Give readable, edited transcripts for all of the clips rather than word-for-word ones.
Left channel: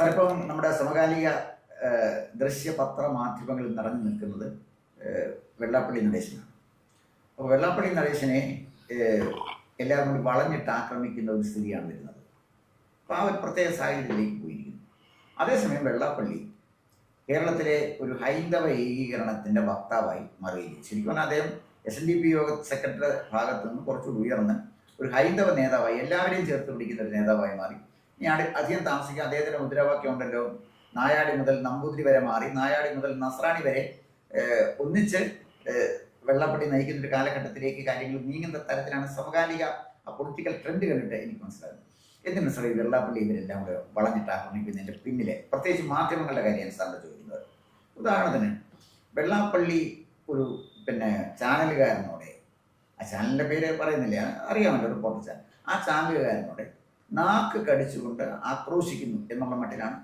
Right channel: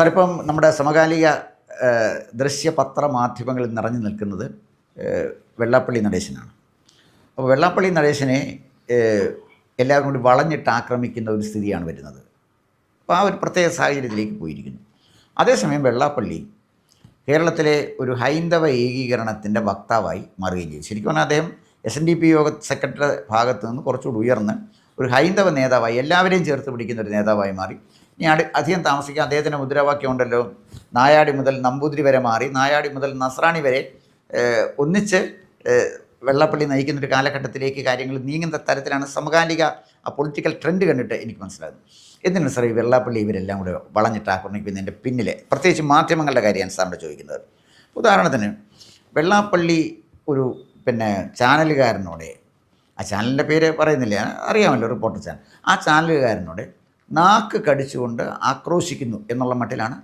Sir, ഇപ്പം നമ്മുടെ സമകാലിക ദൃശ്യപത്ര മാധ്യമങ്ങളിൽ നിറഞ്ഞു നിൽക്കുന്നത് വെള്ളാപ്പള്ളി നടേശനാണ്. അപ്പോൾ വെള്ളാപ്പള്ളി നടേശനെ എല്ലാവരും കൂടി വളഞ്ഞിട്ട് ആക്രമിക്കുന്ന ഒരു സ്ഥിതിയാണ് വരുന്നത്. അപ്പോൾ ആ ഒരു പ്രത്യേക സാഹചര്യത്തിലേക്ക് പോയിരിക്കുന്നു. അതേസമയം വെള്ളാപ്പള്ളി കേരളത്തിലെ ഒരു ഹൈന്ദവ ഏകീകരണത്തിൻ്റെ വക്താവായി മാറുകയും ചെയ്തു. ശരിക്കും പറഞ്ഞാൽ അദ്ദേഹം SNDP യോഗ സെക്രട്ടറി ഭാഗത്ത് നിന്ന് കുറച്ചുകൂടി ഉയർന്ന് ഒരു ഹൈന്ദവ നേതാവായി എല്ലാവരെയും ചേർത്ത് പിടിക്കുന്ന ഒരു നേതാവായി മാറി. ഇനി അധികം താമസിക്കുക അദ്ദേഹത്തിൻ്റെ മുദ്രാവാക്യം ഉണ്ടല്ലോ, നായാടി മുതൽ നമ്പൂതിരി വരെ മാറി, നായാടി മുതൽ നസ്രാണി വരെ ഒന്നിച്ച് വെള്ളാപ്പള്ളി നയിക്കുന്നൊരു കാലഘട്ടത്തിലേക്ക് കാര്യങ്ങൾ നീങ്ങുന്ന തരത്തിലാണ് സമകാലിക ആ പൊളിറ്റിക്കൽ ട്രെൻഡ് കണ്ടിട്ട് എനിക്ക് മനസ്സിലാകുന്നത്. എന്തിനാണ് സാർ ഈ വെള്ളാപ്പള്ളി ഇവരെല്ലാം കൂടെ വളഞ്ഞിട്ട് ആക്രമിക്കുന്നതിൻ്റെ പിന്നിലെ പ്രത്യേകിച്ച് മാധ്യമങ്ങളുടെ കാര്യമാണ് സാറിൻ്റെ ചോദിക്കുന്നത്. ഉദാഹരണത്തിന് വെള്ളാപ്പള്ളി ഒരു ചാനലുകാരനോട്, ആ ചാനലിൻ്റെ പേര് പറയുന്നില്ല, അറിയാമല്ലോ, റിപ്പോർട്ടർ ചാനൽ, ആ ചാനലുകാരനോട് നാക്ക് കടിച്ചുകൊണ്ട് ആക്രോശിക്കുന്നു എന്നുള്ള മട്ടിലാണ്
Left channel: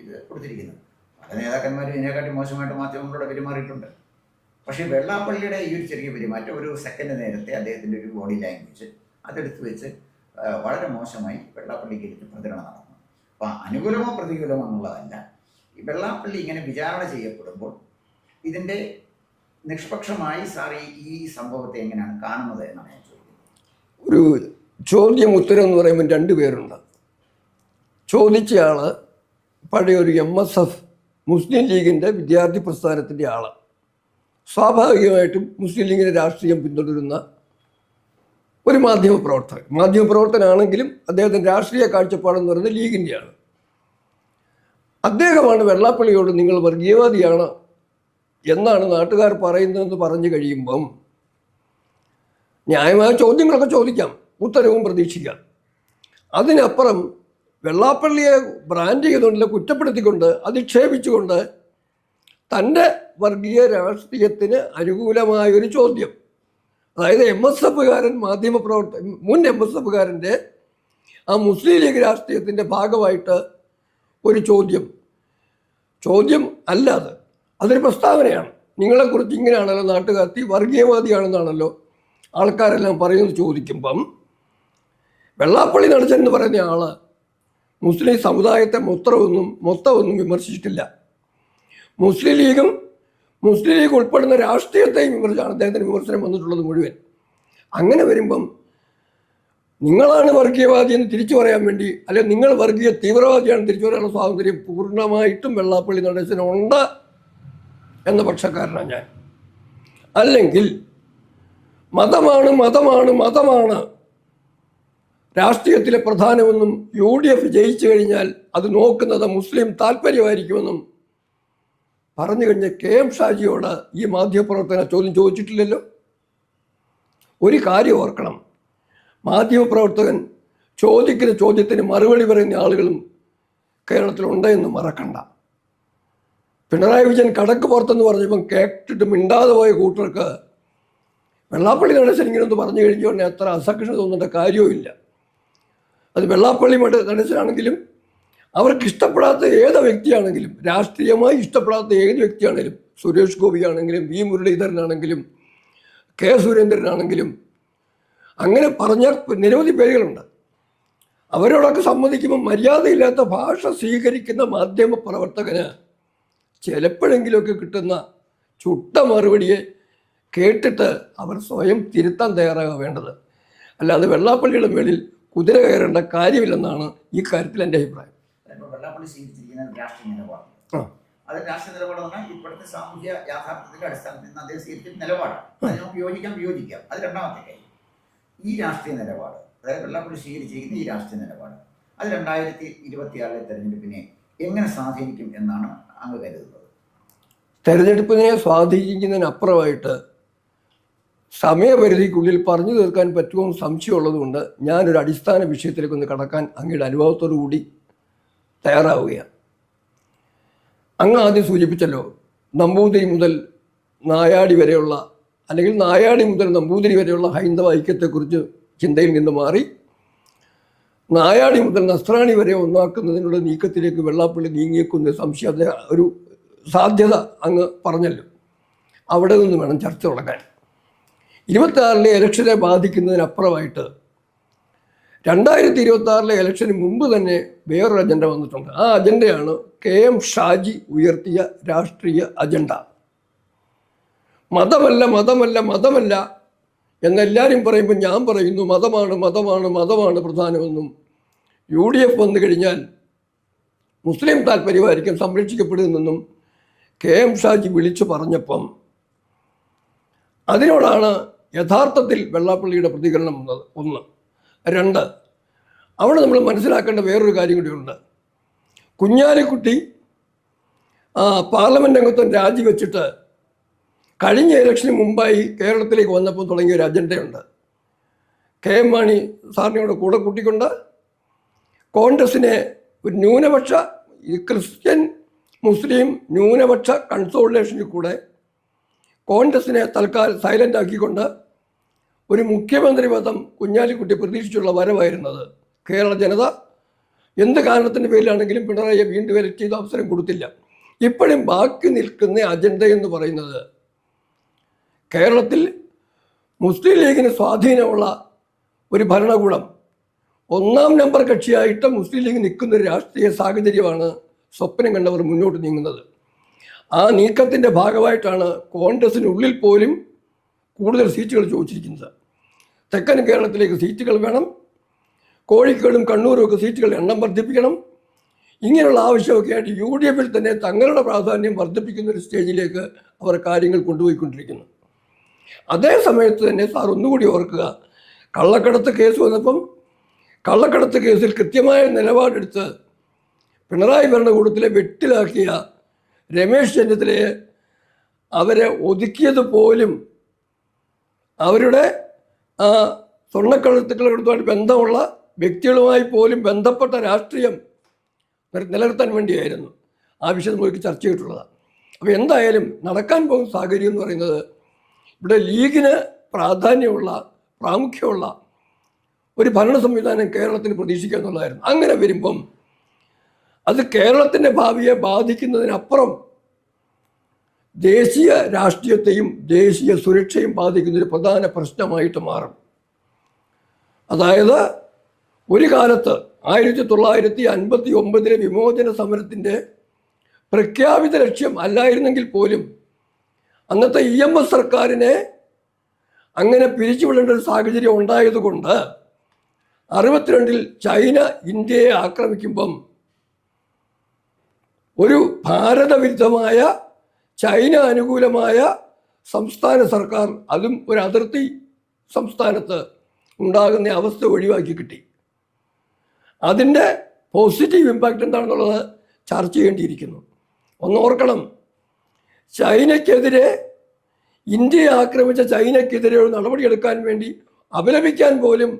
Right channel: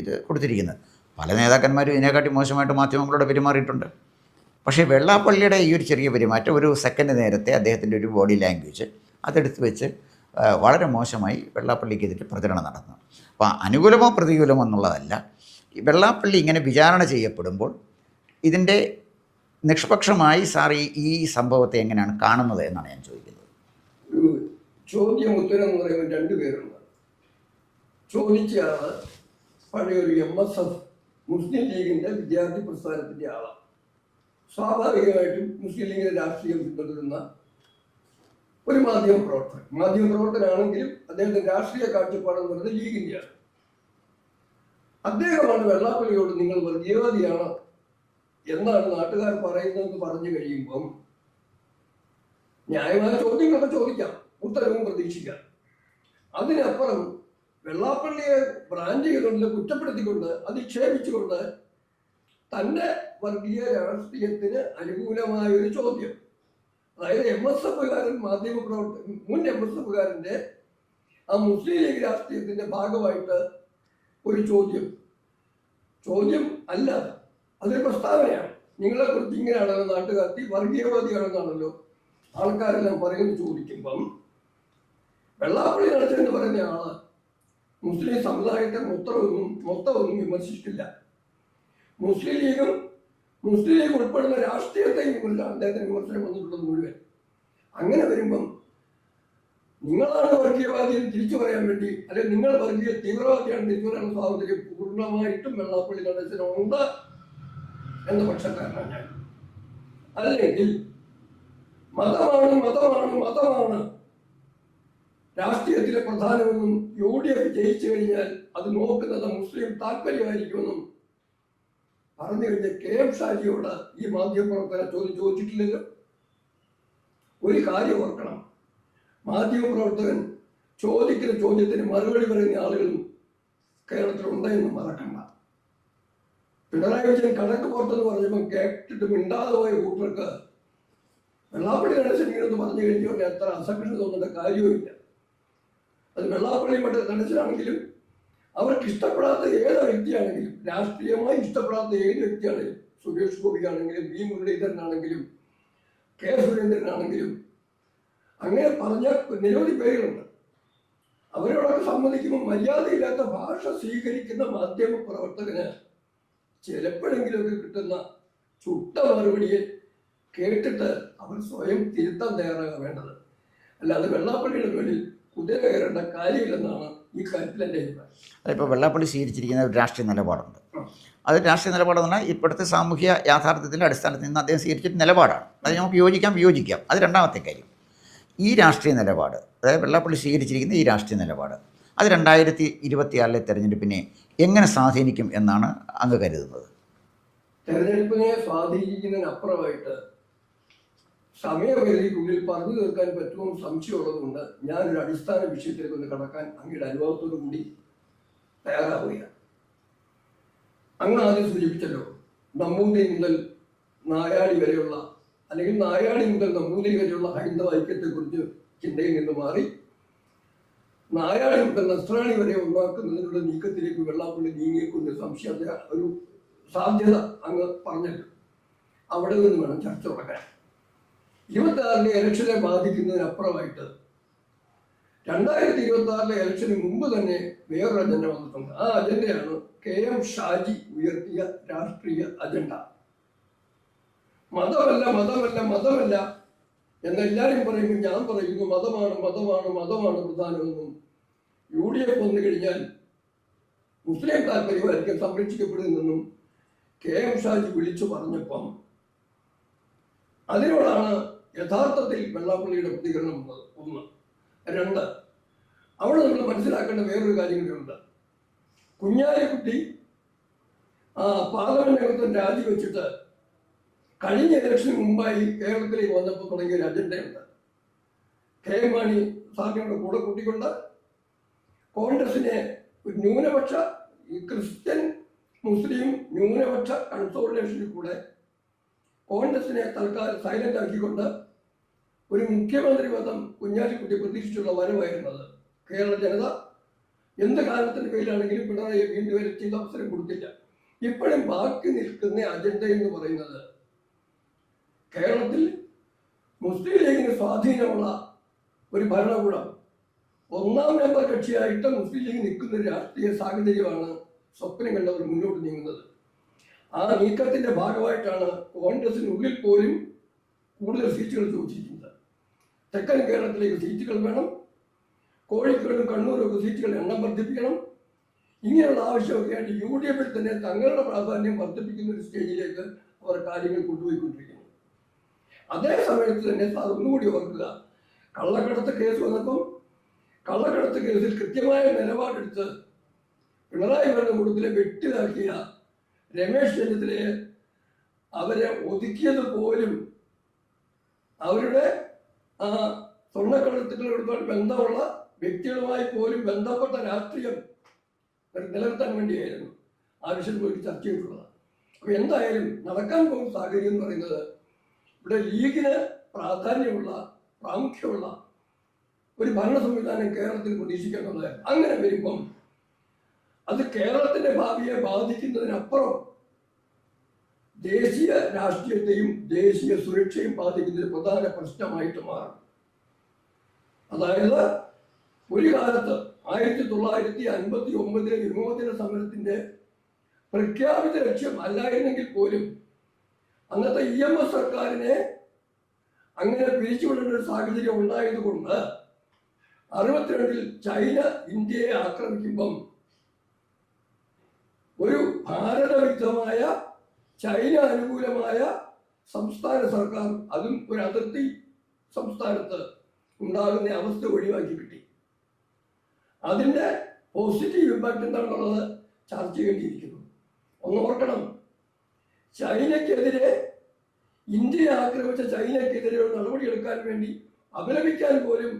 ഇത് കൊടുത്തിരിക്കുന്നത്. പല നേതാക്കന്മാരും ഇതിനെക്കാട്ടി മോശമായിട്ട് മാധ്യമങ്ങളോട് പെരുമാറിയിട്ടുണ്ട്. പക്ഷേ വെള്ളാപ്പള്ളിയുടെ ഈ ഒരു ചെറിയ പെരുമാറ്റം, ഒരു സെക്കൻഡ് നേരത്തെ അദ്ദേഹത്തിൻ്റെ ഒരു ബോഡി ലാംഗ്വേജ് അതെടുത്ത് വെച്ച് വളരെ മോശമായി വെള്ളാപ്പള്ളിക്കെതിരെ പ്രചരണം നടന്നു. അപ്പോൾ അനുകൂലമോ പ്രതികൂലമോ എന്നുള്ളതല്ല, വെള്ളാപ്പള്ളി ഇങ്ങനെ വിചാരണ ചെയ്യപ്പെടുമ്പോൾ ഇതിൻ്റെ നിഷ്പക്ഷമായി സാർ ഈ സംഭവത്തെ എങ്ങനെയാണ് കാണുന്നത് എന്നാണ് ഞാൻ ചോദിക്കുന്നത്. ഒരു ചോദ്യം ഉത്തരം എന്ന് പറയുമ്പോൾ രണ്ട് പേരുണ്ട്. ചോദിച്ചയാൾ പഴയ ഒരു MSF മുസ്ലിം ലീഗിൻ്റെ വിദ്യാർത്ഥി പ്രസ്ഥാനത്തിൻ്റെ ആൾ, സ്വാഭാവികമായിട്ടും മുസ്ലിം ലീഗിൻ്റെ രാഷ്ട്രീയം പിന്തുടരുന്ന ഒരു മാധ്യമപ്രവർത്തനാണെങ്കിലും അദ്ദേഹത്തിൻ്റെ രാഷ്ട്രീയ കാഴ്ചപ്പാടെന്ന് പറയുന്നത് ലീഗിൻ്റെയാണ്. അദ്ദേഹമാണ് വെള്ളാപ്പള്ളിയോട് നിങ്ങൾ വർഗീയവാദിയാണ് എന്നാണ് നാട്ടുകാർ പറയുന്നതെന്ന് പറഞ്ഞു കഴിയുമ്പം ന്യായമായ ചോദ്യങ്ങളൊക്കെ ചോദിക്കാം, ഉത്തരവും പ്രതീക്ഷിക്കാം. അതിനപ്പുറം വെള്ളാപ്പള്ളിയെ ബ്രാൻഡ് ചെയ്തുകൊണ്ട്, കുറ്റപ്പെടുത്തിക്കൊണ്ട്, അധിക്ഷേപിച്ചുകൊണ്ട് തൻ്റെ വർഗീയ രാഷ്ട്രീയത്തിന് അനുകൂലമായൊരു ചോദ്യം, അതായത് MSFകാരൻ മുൻ MSFകാരൻ്റെ ആ മുസ്ലിം ലീഗ് രാഷ്ട്രീയത്തിൻ്റെ ഭാഗമായിട്ട് ഒരു ചോദ്യം അല്ലാതെ അതൊരു പ്രസ്താവനയാണ്. നിങ്ങളെക്കുറിച്ച് ഇങ്ങനെയാണല്ലോ നാട്ടുകാർ, വർഗീയവാദിയാണെന്നാണല്ലോ ആൾക്കാരെല്ലാം പറയുന്നത് ചോദിക്കുമ്പം വെള്ളാപ്പള്ളി നടേശൻ എന്ന് പറയുന്ന ആൾ മുസ്ലിം സമുദായത്തെ മൊത്തമൊന്നും വിമർശിച്ചിട്ടില്ല. മുസ്ലിം ലീഗ് ഉൾപ്പെടുന്ന രാഷ്ട്രീയത്തെയും വിമർശിച്ചാണ് അദ്ദേഹത്തിന് വിമർശനം വന്നിട്ടുള്ളത് മുഴുവൻ. അങ്ങനെ വരുമ്പം നിങ്ങളാണ് വർഗീയവാദി എന്ന് തിരിച്ചു പറയാൻ വേണ്ടി, അല്ലെങ്കിൽ നിങ്ങൾ വർഗീയ തീവ്രവാദിയാണ് തിരിച്ചു പറയാനുള്ള സ്വാതന്ത്ര്യം പൂർണ്ണമായിട്ടും വെള്ളാപ്പള്ളി നടേശനുണ്ട് എന്ന പക്ഷക്കാരനാണ് ഞാൻ. അല്ലെങ്കിൽ മതമാണ് രാഷ്ട്രീയത്തിലെ പ്രധാനമെന്നും UDF ജയിച്ചു കഴിഞ്ഞാൽ അത് നോക്കുന്നത് മുസ്ലിം താല്പര്യമായിരിക്കുമെന്നും പറഞ്ഞു കഴിഞ്ഞ KM ഷാജിയോട് ഈ മാധ്യമപ്രവർത്തകൻ ചോദ്യം ചോദിച്ചിട്ടില്ലല്ലോ. ഒരു കാര്യം ഓർക്കണം, മാധ്യമപ്രവർത്തകൻ ചോദിക്കുന്ന ചോദ്യത്തിന് മറുപടി പറയുന്ന ആളുകളും കേരളത്തിലുണ്ട് എന്ന് മറക്കണ്ട. പിണറായി വിജയൻ കടക്ക് പുറത്തെന്ന് പറഞ്ഞപ്പം കേട്ടിട്ട് മിണ്ടാതെ പോയ കൂട്ടർക്ക് വെള്ളാപ്പള്ളി നടേശൻ ഇങ്ങനെയൊന്ന് പറഞ്ഞു കഴിഞ്ഞുകൊണ്ട് അത്ര അസഹിഷ്ണുത തോന്നേണ്ട കാര്യവുമില്ല. അത് വെള്ളാപ്പള്ളി നടേശനാണെങ്കിലും അവർക്ക് ഇഷ്ടപ്പെടാത്ത ഏത് വ്യക്തിയാണെങ്കിലും, രാഷ്ട്രീയമായി ഇഷ്ടപ്പെടാത്ത ഏത് വ്യക്തിയാണെങ്കിലും, സുരേഷ് ഗോപിയാണെങ്കിലും V മുരളീധരനാണെങ്കിലും K സുരേന്ദ്രനാണെങ്കിലും, അങ്ങനെ പറഞ്ഞ നിരവധി പേരുകളുണ്ട്. അവരോടൊക്കെ സമ്മതിക്കുമ്പോൾ മര്യാദയില്ലാത്ത ഭാഷ സ്വീകരിക്കുന്ന മാധ്യമ പ്രവർത്തകന് ചിലപ്പോഴെങ്കിലുമൊക്കെ കിട്ടുന്ന ചുട്ട മറുപടിയെ കേട്ടിട്ട് അവർ സ്വയം തിരുത്താൻ തയ്യാറാകാൻ വേണ്ടത്. അല്ലാതെ വെള്ളാപ്പള്ളിയുടെ മേളിൽ കുതിര കയറേണ്ട കാര്യമില്ലെന്നാണ് ഈ കാര്യത്തിൽ എൻ്റെ അഭിപ്രായം. അതിപ്പോൾ വെള്ളാപ്പള്ളി സ്വീകരിച്ചിരിക്കുന്ന ഒരു രാഷ്ട്രീയ നിലപാടുണ്ട്. അത് രാഷ്ട്രീയ നിലപാടെന്ന് പറഞ്ഞാൽ ഇപ്പോഴത്തെ സാമൂഹ്യ യാഥാർത്ഥ്യത്തിൻ്റെ അടിസ്ഥാനത്തിൽ നിന്ന് അദ്ദേഹം സ്വീകരിച്ചിട്ട് നിലപാടാണ്. അത് നമുക്ക് വിയോജിക്കാം. അത് രണ്ടാമത്തെ കാര്യം. ഈ രാഷ്ട്രീയ നിലപാട്, അതായത് വെള്ളാപ്പള്ളി സ്വീകരിച്ചിരിക്കുന്ന ഈ രാഷ്ട്രീയ നിലപാട്, അത് 2024 തെരഞ്ഞെടുപ്പിനെ എങ്ങനെ സ്വാധീനിക്കും എന്നാണ് അങ്ങ് കരുതുന്നത്? തെരഞ്ഞെടുപ്പിനെ സ്വാധീനിക്കുന്നതിനപ്പുറമായിട്ട് സമയപരിധിക്കുള്ളിൽ പറഞ്ഞു തീർക്കാൻ പറ്റുമെന്ന് സംശയമുള്ളതുകൊണ്ട് ഞാനൊരു അടിസ്ഥാന വിഷയത്തിലേക്കൊന്ന് കടക്കാൻ അങ്ങയുടെ അനുഭവത്തോടു കൂടി തയ്യാറാവുകയാണ്. അങ്ങ് ആദ്യം സൂചിപ്പിച്ചല്ലോ, നമ്പൂതിരി മുതൽ നായാടി വരെയുള്ള, അല്ലെങ്കിൽ നായാടി മുതൽ നമ്പൂതിരി വരെയുള്ള ഹൈന്ദവ ഐക്യത്തെക്കുറിച്ച് ചിന്തയിൽ നിന്ന് മാറി നായാടി മുതൽ നസ്രാണി വരെ ഒന്നാക്കുന്നതിനുള്ള നീക്കത്തിലേക്ക് വെള്ളാപ്പള്ളി നീങ്ങിയേക്കുന്ന സംശയം, ഒരു സാധ്യത അങ്ങ് പറഞ്ഞല്ലോ. അവിടെ നിന്ന് വേണം ചർച്ച തുടങ്ങാൻ. 26 ഇലക്ഷനെ ബാധിക്കുന്നതിനപ്പുറമായിട്ട് 2026 ഇലക്ഷന് മുമ്പ് തന്നെ വേറൊരു അജണ്ട വന്നിട്ടുണ്ട്. ആ അജണ്ടയാണ് KM ഷാജി ഉയർത്തിയ രാഷ്ട്രീയ അജണ്ട. മതമല്ല മതമല്ല മതമല്ല എന്നെല്ലാവരും പറയുമ്പോൾ ഞാൻ പറയുന്നു മതമാണ് മതമാണ് മതമാണ് പ്രധാനമെന്നും. UDF വന്നു കഴിഞ്ഞാൽ മുസ്ലിം താല്പര്യമായിരിക്കും സംരക്ഷിക്കപ്പെടുമെന്നും KM ഷാജി വിളിച്ചു പറഞ്ഞപ്പം അതിനോടാണ് യഥാർത്ഥത്തിൽ വെള്ളാപ്പള്ളിയുടെ പ്രതികരണം വന്നത്. 1. 2, അവിടെ നമ്മൾ മനസ്സിലാക്കേണ്ട വേറൊരു കാര്യം കൂടിയുണ്ട്. കുഞ്ഞാലിക്കുട്ടി പാർലമെൻറ്റ് അംഗത്വം രാജിവെച്ചിട്ട് കഴിഞ്ഞ ഇലക്ഷന് മുമ്പായി കേരളത്തിലേക്ക് വന്നപ്പോൾ തുടങ്ങിയ ഒരു അജണ്ടയുണ്ട്. KM മാണി സാറിനെ കൂടെ കൂട്ടിക്കൊണ്ട് കോൺഗ്രസിനെ ഒരു ന്യൂനപക്ഷ ക്രിസ്ത്യൻ മുസ്ലിം ന്യൂനപക്ഷ കൺസോളിഡേഷനിൽ കൂടെ കോൺഗ്രസിനെ തൽക്കാലം സൈലൻ്റ് ആക്കിക്കൊണ്ട് ഒരു മുഖ്യമന്ത്രി പദം കുഞ്ഞാലിക്കുട്ടി പ്രതീക്ഷിച്ചുള്ള വരവായിരുന്നത്. കേരള ജനത എന്ത് കാരണത്തിൻ്റെ പേരിലാണെങ്കിലും പിണറായിയെ വീണ്ടും എലക്ട് ചെയ്ത അവസരം കൊടുത്തില്ല. ഇപ്പോഴും ബാക്കി നിൽക്കുന്ന അജണ്ട എന്ന് പറയുന്നത് കേരളത്തിൽ മുസ്ലിം ലീഗിന് സ്വാധീനമുള്ള ഒരു ഭരണകൂടം, 1ാം നമ്പർ കക്ഷിയായിട്ട് മുസ്ലിം ലീഗ് നിൽക്കുന്ന ഒരു രാഷ്ട്രീയ സാഹചര്യമാണ് സ്വപ്നം കണ്ടവർ മുന്നോട്ട് നീങ്ങുന്നത്. ആ നീക്കത്തിൻ്റെ ഭാഗമായിട്ടാണ് കോൺഗ്രസിനുള്ളിൽ പോലും കൂടുതൽ സീറ്റുകൾ ചോദിച്ചിരിക്കുന്നത്. തെക്കൻ കേരളത്തിലേക്ക് സീറ്റുകൾ വേണം, കോഴിക്കോടും കണ്ണൂരും ഒക്കെ സീറ്റുകളുടെ എണ്ണം വർദ്ധിപ്പിക്കണം. ഇങ്ങനെയുള്ള ആവശ്യമൊക്കെ ആയിട്ട് UDF തന്നെ തങ്ങളുടെ പ്രാധാന്യം വർദ്ധിപ്പിക്കുന്ന ഒരു സ്റ്റേജിലേക്ക് അവർ കാര്യങ്ങൾ കൊണ്ടുപോയിക്കൊണ്ടിരിക്കുന്നു. അതേ സമയത്ത് തന്നെ സാർ ഒന്നുകൂടി ഓർക്കുക, കള്ളക്കടത്ത് കേസ് വന്നപ്പം കള്ളക്കടത്ത് കേസിൽ കൃത്യമായ നിലപാടെടുത്ത് പിണറായി ഭരണകൂടത്തിലെ വെട്ടിലാക്കിയ രമേശ് ചെന്നിത്തലയെ അവരെ ഒതുക്കിയത് പോലും അവരുടെ സ്വർണ്ണക്കടത്തുകളുമായി ബന്ധമുള്ള വ്യക്തികളുമായി പോലും ബന്ധപ്പെട്ട രാഷ്ട്രീയം നിലനിർത്താൻ വേണ്ടിയായിരുന്നു ആ വിഷയം നമുക്ക് ചർച്ച ചെയ്തിട്ടുള്ളത്. അപ്പോൾ എന്തായാലും നടക്കാൻ പോകുന്ന സാഹചര്യം എന്ന് പറയുന്നത് ഇവിടെ ലീഗിന് പ്രാമുഖ്യമുള്ള ഒരു ഭരണ സംവിധാനം കേരളത്തിന് പ്രതീക്ഷിക്കുക എന്നുള്ളതായിരുന്നു. അങ്ങനെ വരുമ്പം അത് കേരളത്തിൻ്റെ ഭാവിയെ ബാധിക്കുന്നതിനപ്പുറം ദേശീയ രാഷ്ട്രീയത്തെയും ദേശീയ സുരക്ഷയും ബാധിക്കുന്നൊരു പ്രധാന പ്രശ്നമായിട്ട് മാറും. അതായത് ഒരു കാലത്ത് 1959 വിമോചന സമരത്തിൻ്റെ പ്രഖ്യാപിത ലക്ഷ്യം അല്ലായിരുന്നെങ്കിൽ പോലും അന്നത്തെ EMS സർക്കാരിനെ അങ്ങനെ പിരിച്ചുവിടേണ്ട ഒരു സാഹചര്യം ഉണ്ടായതുകൊണ്ട് 62 ചൈന ഇന്ത്യയെ ആക്രമിക്കുമ്പം ഒരു ഭാരതവിരുദ്ധമായ ചൈന അനുകൂലമായ സംസ്ഥാന സർക്കാർ, അതും ഒരു അതിർത്തി സംസ്ഥാനത്ത് ഉണ്ടാകുന്ന അവസ്ഥ ഒഴിവാക്കി കിട്ടി. അതിൻ്റെ പോസിറ്റീവ് ഇമ്പാക്റ്റ് എന്താണെന്നുള്ളത് ചർച്ച ചെയ്യേണ്ടിയിരിക്കുന്നു. ഒന്ന് ഓർക്കണം, ചൈനയ്ക്കെതിരെ ഇന്ത്യയെ ആക്രമിച്ച ചൈനയ്ക്കെതിരെ ഒരു നടപടിയെടുക്കാൻ വേണ്ടി അപലപിക്കാൻ പോലും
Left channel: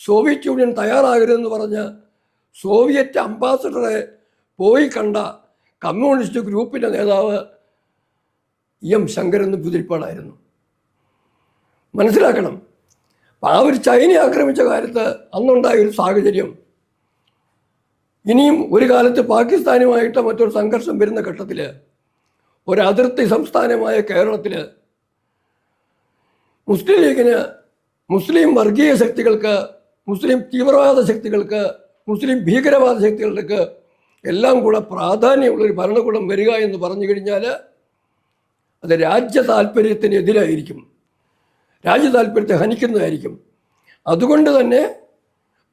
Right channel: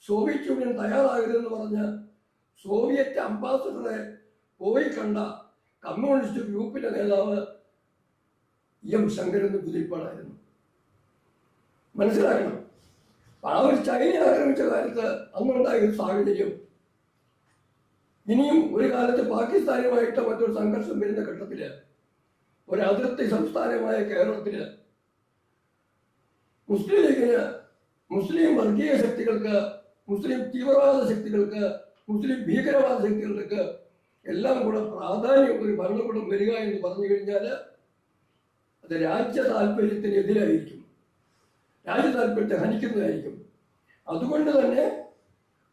സോവിയറ്റ് യൂണിയൻ തയ്യാറാകരുതെന്ന് പറഞ്ഞ സോവിയറ്റ് അംബാസഡറെ പോയി കണ്ട കമ്മ്യൂണിസ്റ്റ് ഗ്രൂപ്പിൻ്റെ നേതാവ് EM ശങ്കരൻ നമ്പൂതിരിപ്പാടായിരുന്നു. മനസ്സിലാക്കണം, ആ ഒരു ചൈനയെ ആക്രമിച്ച കാര്യത്ത് അന്നുണ്ടായൊരു സാഹചര്യം ഇനിയും ഒരു കാലത്ത് പാകിസ്ഥാനുമായിട്ട് മറ്റൊരു സംഘർഷം വരുന്ന ഘട്ടത്തിൽ ഒരു അതിർത്തി സംസ്ഥാനമായ കേരളത്തിൽ മുസ്ലിം ലീഗിന്, മുസ്ലിം വർഗീയ ശക്തികൾക്ക്, മുസ്ലിം തീവ്രവാദ ശക്തികൾക്ക്, മുസ്ലിം ഭീകരവാദ ശക്തികൾക്ക് എല്ലാം കൂടെ പ്രാധാന്യമുള്ളൊരു ഭരണകൂടം വരിക എന്ന് പറഞ്ഞു കഴിഞ്ഞാൽ അത് രാജ്യ താല്പര്യത്തിനെതിരായിരിക്കും, രാജ്യ താല്പര്യത്തെ ഹനിക്കുന്നതായിരിക്കും. അതുകൊണ്ട് തന്നെ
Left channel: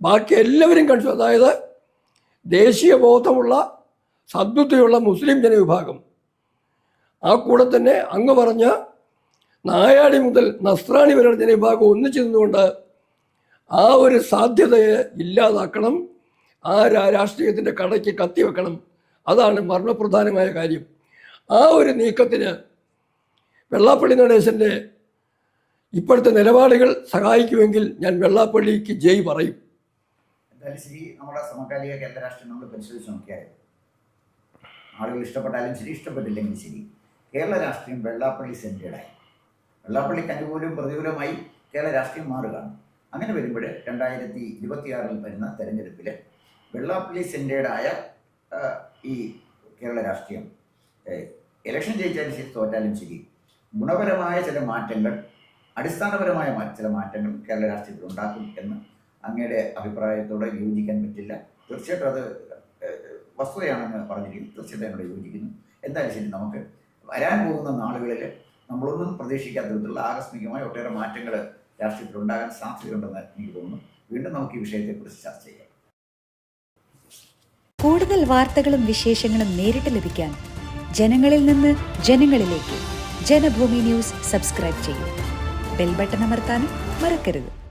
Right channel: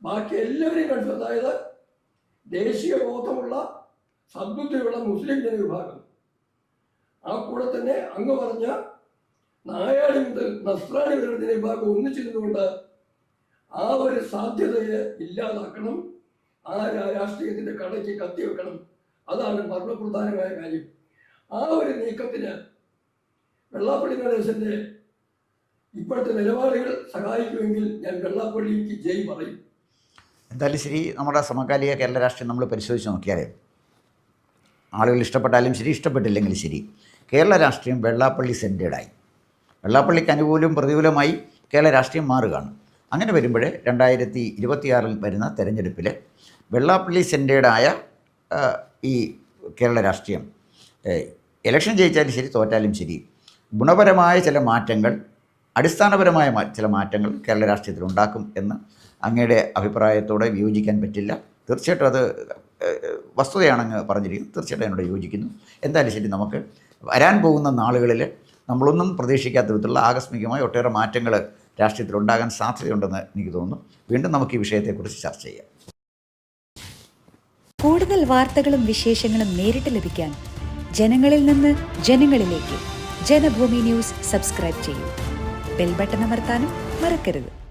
ബാക്കി എല്ലാവരും അതായത് ദേശീയ ബോധമുള്ള സദ്ബുദ്ധിയുള്ള മുസ്ലിം ജനവിഭാഗം, ആ കൂടെ തന്നെ അങ്ങ് പറഞ്ഞ നായാടി മുതൽ നസ്രാണി വരെയുള്ള ജനവിഭാഗം ഒന്നിച്ചു നിന്നുകൊണ്ട് ആ ഒരു സാധ്യതയെ ഇല്ലാതാക്കണം, ആ രാഷ്ട്രീയത്തിൻ്റെ കടയ്ക്ക് കത്തിവെക്കണം. അതാണ് മർമ്മപ്രധാനമായ കാര്യം. ആ ഒരു നീക്കത്തിന് വെള്ളാപ്പള്ളി നടേശൻ്റെ ഇപ്പോഴത്തെ നിലപാടുകൾ സഹായിക്കുമെങ്കിൽ ഞാൻ വെള്ളാപ്പള്ളിക്ക് ജയ് പറയും. എന്തായാലും ശരി, നമ്മുടെ സമകാലിക കേരള രാഷ്ട്രീയം നമ്മൾ പരിശോധിച്ച് നോക്കിയാൽ ആളുകൾ ഇഷ്ടപ്പെട്ടാലും ശരി, ഇഷ്ടപ്പെട്ടില്ലെങ്കിലും ശരി, കേരള രാഷ്ട്രീയം വെള്ളാപ്പള്ളി സെൻറ്റേഡായി, വെള്ളാപ്പള്ളിക്ക് അനുകൂലവും പ്രതികൂലമായി കേരള രാഷ്ട്രീയം മാറുകയാണ്. അങ്ങനെ വരുമ്പോൾ 2026 വരുന്ന തെരഞ്ഞെടുപ്പിൽ വെള്ളാപ്പള്ളി സെൻറ്റേഡായ ഈ കേരള രാഷ്ട്രീയം ഇലക്ഷൻ ജയിച്ചാലും ശരി, തോറ്റാലും ശരി, ഗുണപരമായ ചില മാറ്റങ്ങൾ, അടിസ്ഥാനപരമായ ചില മാറ്റങ്ങൾ കേരള രാഷ്ട്രീയത്തിൽ ഉണ്ടാക്കും എന്ന് അങ്ങയുടെ അഭിപ്രായത്തോടെ വിയോജിക്കാൻ പറ്റില്ല. തീർച്ചയായിട്ടും അത് വസ്തുതയാണെന്ന് പറഞ്ഞിരിക്കുന്നു. തീർച്ചയായിട്ടും എന്നോട് യോജിക്കുന്നു. എന്തായാലും ശരി, നമുക്ക് വരാൻ പോകുന്ന നാളുകളിൽ നമ്മളൊന്നും പ്രതീക്ഷിക്കാത്ത വിധത്തിലുള്ള ആകസ്മികമായ ഒട്ടേറെ മാറ്റങ്ങൾ രാഷ്ട്രീയത്തിൽ ഉണ്ടാകാൻ സാധ്യതയുണ്ടെന്ന് എനിക്ക് തോന്നുന്നു. വീണ്ടും നമുക്ക് ഈ വിഷയത്തെക്കുറിച്ച് ചർച്ച ചെയ്യാം. കൂടുതൽ വാർത്തകളും വിശേഷങ്ങളും നേരിട്ട് ലഭിക്കാൻ ജനങ്ങളിൽ നിന്ന് ജനങ്ങളിലേക്ക് ജനഭൂമി ന്യൂസ് സബ്സ്ക്രൈബ് ചെയ്യൂ. ബെൽ ബട്ടൺ അമർത്താനും മറക്കരുത്.